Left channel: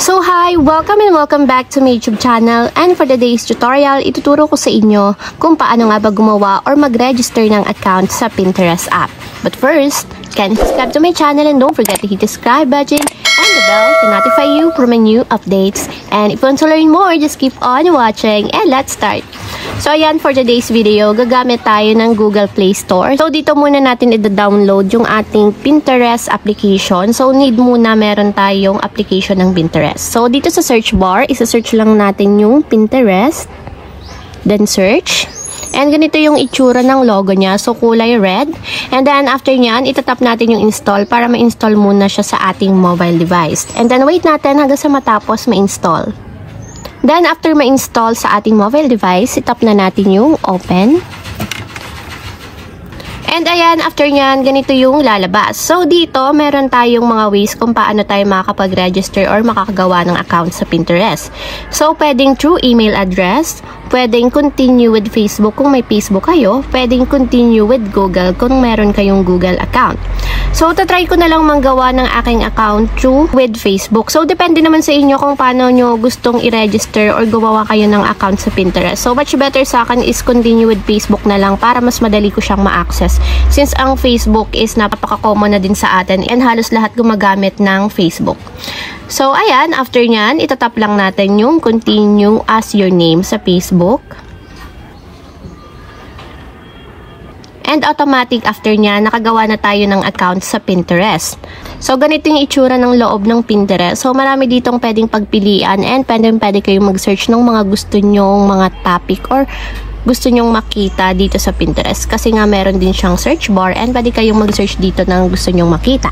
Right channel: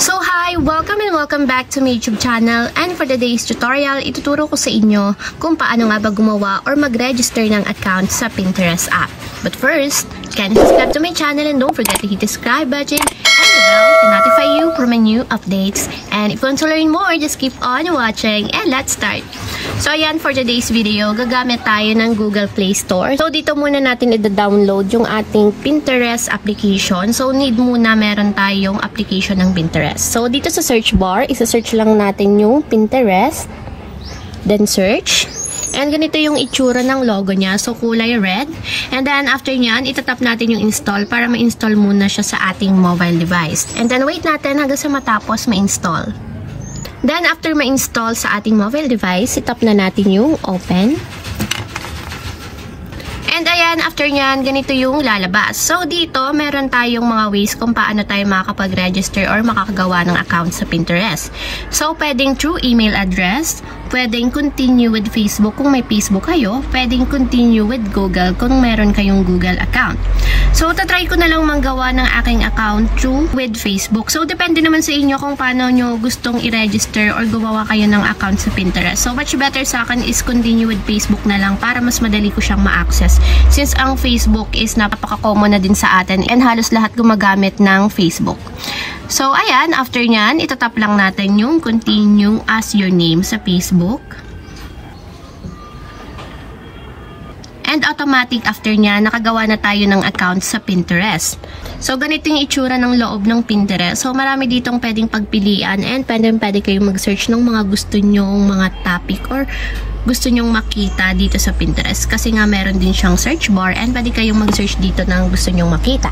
So hi! Welcome and welcome back to my YouTube channel, and for today's tutorial, ituturo ko sa inyo kung paano nga ba gumawa or mag-register ng account sa Pinterest app. But first, kindly subscribe to my channel and don't forget to hit the subscribe button and the bell to notify you for my new updates. And if you want to learn more, just keep on watching and let's start! So ayan, for today's video, gagamit tayo ng Google Play Store. So dito muna natin i-download yung ating Pinterest application. So need muna meron tayong application ng Pinterest. So dito sa search bar, isa-search lang natin yung Pinterest. Then search. And ganito yung itsura ng logo niya. So kulay red. And then after nyan, itatap natin yung install para ma-install muna siya sa ating mobile device. And then wait natin hanggang sa matapos ma-install. Then, after ma-install sa ating mobile device, itap na natin yung open. And ayan, after nyan, ganito yung lalabas. So, dito, meron tayong mga ways kung paano tayo makakapag-register or makakagawa ng account sa Pinterest. So, pwedeng through email address, pwedeng continue with Facebook kung may Facebook kayo, pwedeng continue with Google kung meron kayong Google account. So, tatry ko na lang manggawa ng aking account through with Facebook. So, depende naman sa inyo kung paano nyo gustong i-register or gumawa kayo ng account sa Pinterest. So, much better sa akin is continue with Facebook na lang para mas madali ko siyang ma-access. Since ang Facebook is napaka-common na din sa atin and halos lahat gumagamit ng Facebook. So, ayan, after nyan, itatap lang natin yung continue as your name sa Facebook. And automatic after niya, nakagawa na tayo ng account sa Pinterest. So, ganito yung itsura ng loob ng Pinterest. So, marami ditong pwedeng pagpilian and pwede kayong mag-search ng mga gusto nyong mga topic or gusto nyong makita dito sa Pinterest. Kasi nga meron din siyang search bar and pwede kayong mag-search dito ng gusto nyong makita.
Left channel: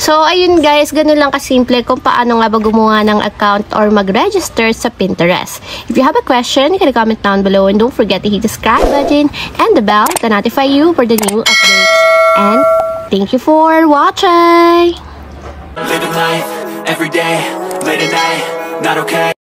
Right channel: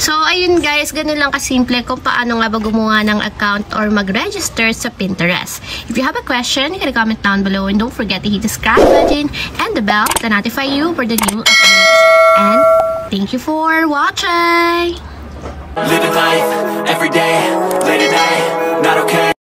So, ayun guys, ganun lang kasimple kung paano nga ba gumawa ng account or mag-register sa Pinterest. If you have a question, you can comment down below and don't forget to hit the subscribe button and the bell to notify you for the new updates. And thank you for watching! Living life, every day, late at night, not okay.